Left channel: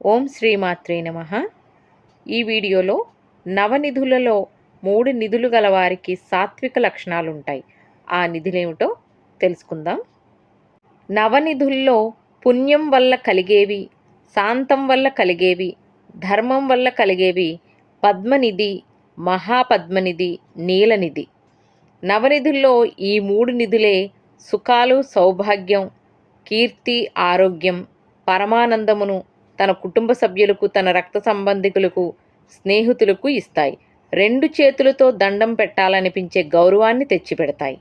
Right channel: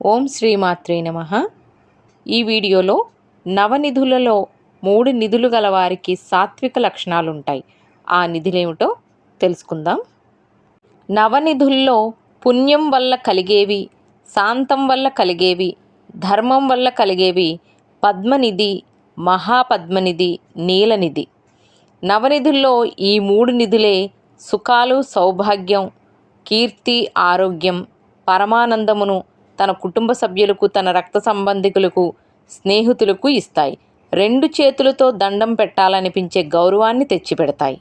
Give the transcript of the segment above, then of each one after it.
ఓం శ్రీమాత్రే నమ. ఈ వీడియోలో నవనిధులలో మూడు నిధులు గల వారికి సాత్విక లక్షణాలు ఉంటాయి ఆ నిధులేమిటో తెలుసుకుందాం. నవనిధుల్లో పుణ్యం వల్ల కలిగేవి శాంతం వల్ల కలిగేవి ధర్మం వల్ల కలిగేవి పద్మనిధి మహాపద్మనిధి నీలనిధి. నవనిధుల్లో ఈ మూడు నిధులే సుఖాలు సౌభాగ్యం కీర్తి ఆరోగ్యం పరమానందమును తన కుటుంబ సభ్యులకు తన రక్త సంబంధికులకు స్నేహితులకు ఇస్తాయి. రెండు చేతులతో దండం పెట్టాలనిపించే గౌరవాన్ని తెచ్చిపెడతాయి.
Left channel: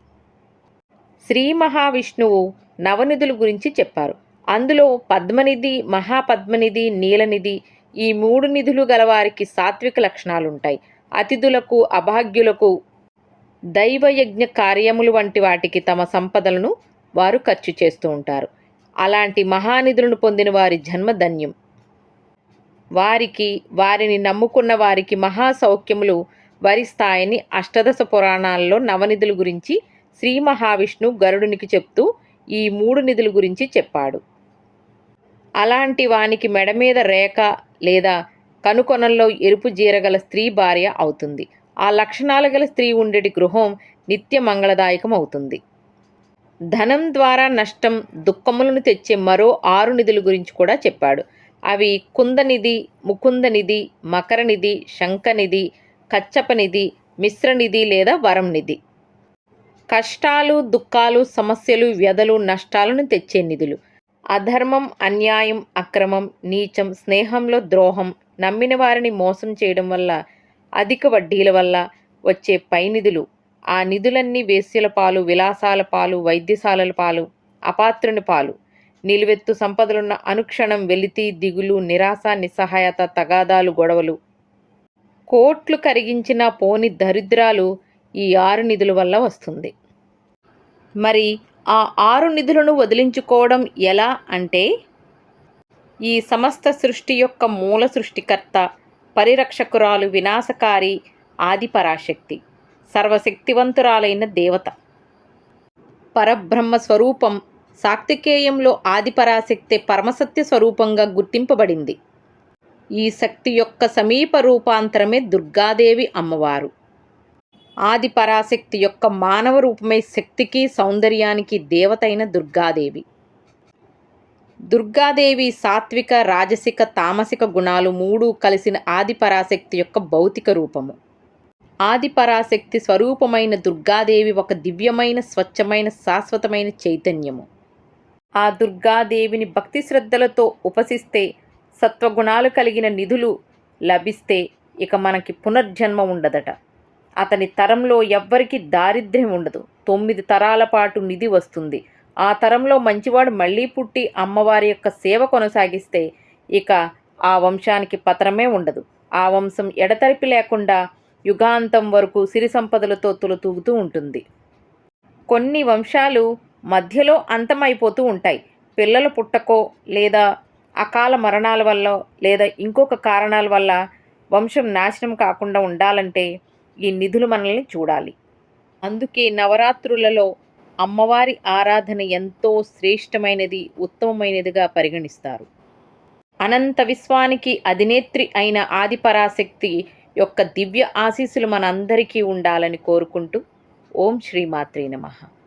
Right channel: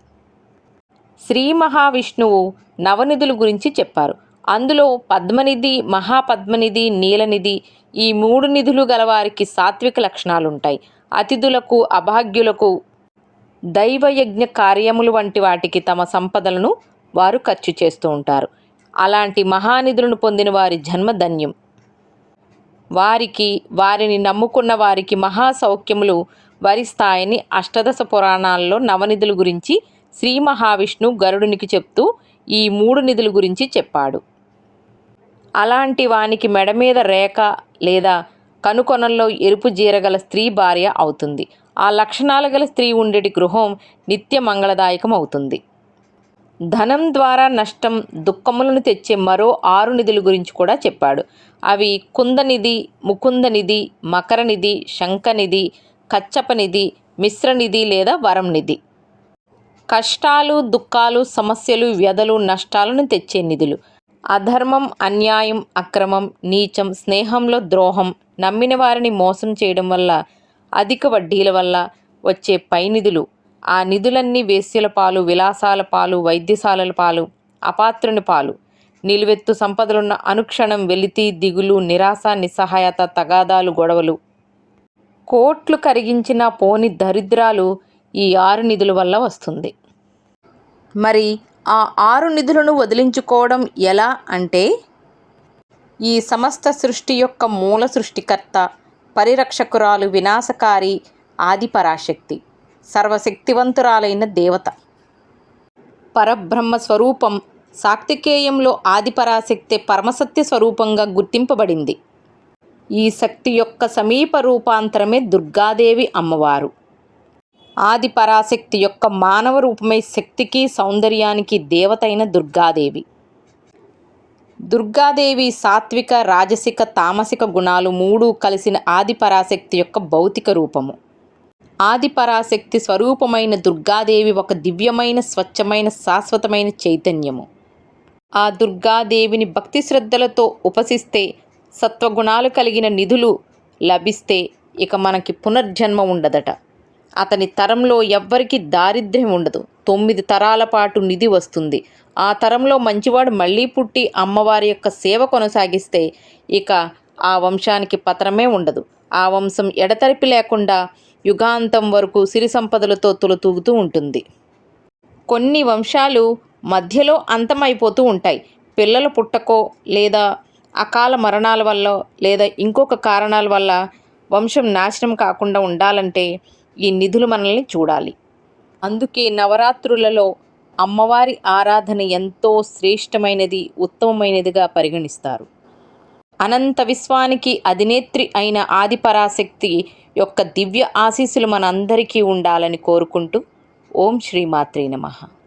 శ్రీ మహావిష్ణువు నవనిధుల గురించి చెప్పారు. అందులో పద్మనిధి మహాపద్మనిధి నీలనిధి ఈ మూడు నిధులు గలవారికి సాత్విక లక్షణాలుంటాయి. అతిథులకు అభాగ్యులకు దైవయజ్ఞ కార్యములు వంటి వాటికి తమ సంపదలను వారు ఖర్చు చేస్తూ ఉంటారు. అలాంటి మహానిధులను పొందిన వారి జన్మ ధన్యం. వారికి వారిని నమ్ముకున్న వారికి మహాసౌఖ్యములు వరిస్తాయని అష్టదశ పురాణాల్లో నవనిధుల గురించి శ్రీ మహావిష్ణు గరుడునికి చెప్తూ ఈ మూడు నిధుల గురించి చెప్పాడు. అలాంటి వానికి మెడ మీద రేఖ లేదా కనుకొనల్లో ఎరుపు జీరగల స్త్రీ భార్య అవుతుంది. ఆ లక్షణాలు గల స్త్రీ ఉండేటి గృహం నిత్య మంగళదాయకం అవుతుంది ధనం ద్వారా నష్టం దుఃఖములను తెచ్చే మరో ఆరు నిధుల గురించి కూడా చెప్పాడు. అవి కుందనిధి ముకుందనిధి మకరనిధి శంఖనిధి కచ్చపనిధి మిశ్రనిధి లేదా వరం నిధి కష్టాలు దుఃఖాలు సమస్యలు వ్యధలు నష్టాలను తెచ్చే నిధులు. అధర్మం అన్యాయం అక్రమం నీచం స్నేహంలో ద్రోహం నమ్మిన వారిని మోసం చేయడం వల్ల అధిక వడ్డీల వల్ల వచ్చే పై నిధులు. ఆ నిధులన్నీ వేశ్యల పాలు విలాసాల పాలు వైద్యశాలల పాలు అపాత్రుని పాలు. నిలువెత్తు సంపదలున్న అనుక్షణం వెలితి దిగులు నిరాశ నిస్సహాయత తగాదాలు గొడవలు. కోట్లు కరిగించిన పోని దరిద్రాలు ఈ ఆరు నిధుల వల్ల వస్తుంది. మరి ఆ ఆరు నిధులను వదిలించుకోవడం ఎలా అంటే ఈ సమస్త సృష్టి యొక్క మూల సృష్టికర్త పరిరక్షకురాలు వినాశకారి ఆదిపరాశక్తి సర్వశక్తివంతురాలైన దేవత. పరబ్రహ్మ స్వరూపం సాక్తికేయంలో ఆదిపరాశక్తి పరమసత్య స్వరూపంగా గుర్తింపబడింది. ఈ శక్తి యొక్క సమీప రూపాంతరమే దుర్గాదేవి అమ్మవారు. ఆదిపరాశక్తి యొక్క మానవ రూపమే శక్తికి సౌందర్యానికి దేవతైన దుర్గాదేవి. దుర్గాదేవి సాత్విక రాజసిక తామసిక గుణాలు మూడు కలిసిన ఆదిపరాశక్తి యొక్క భౌతిక రూపము. ఆదిపరాశక్తి స్వరూపమైన దుర్గాదేవి ఒక దివ్యమైన స్వచ్ఛమైన శాశ్వతమైన చైతన్యము. ఆ దుర్గాదేవిని భక్తి శ్రద్ధలతో ఉపసిస్తే సత్వగుణాలు కలిగిన నిధులు లభిస్తే ఇక మనకి పునర్జన్మ ఉండదట. అతని తరంలో ఎవ్వరికి దారిద్ర్యం ఉండదు. తొమ్మిది తరాల పాటు నిధి వస్తుంది. ఆ తరంలో మంచివాడు మళ్ళీ పుట్టి అమ్మవారి యొక్క సేవ కొనసాగిస్తే ఇక ఆ వంశానికి పతనమే ఉండదు. ఆ వంశం ఎడతెరిపి లేకుండా యుగాంతం వరకు సిరి సంపదలతో తులతూగుతూ ఉంటుంది. కొన్ని వంశాలు మధ్యలో అంతమైపోతూ ఉంటాయి. పిల్లలు పుట్టకో లేదా అకాల మరణాల వల్ల లేదా ఇంకొక కారణాల వల్ల వంశం నాశనం కాకుండా ఉండాలంటే ఈ నిధులు మనల్ని చూడాలి. అందుకే నవరాత్రులలో అమ్మవారి ఆరాధన ఎంతో శ్రేష్టమైనది ఉత్తమమైనదిగా పరిగణిస్తారు. అనంత విశ్వానికి అధినేత్రి అయిన ఆదిపరాశక్తి యొక్క దివ్య ఆశీస్సులు మనందరికీ ఉండాలని కోరుకుంటూ ఓం శ్రీమాత్రే నమః.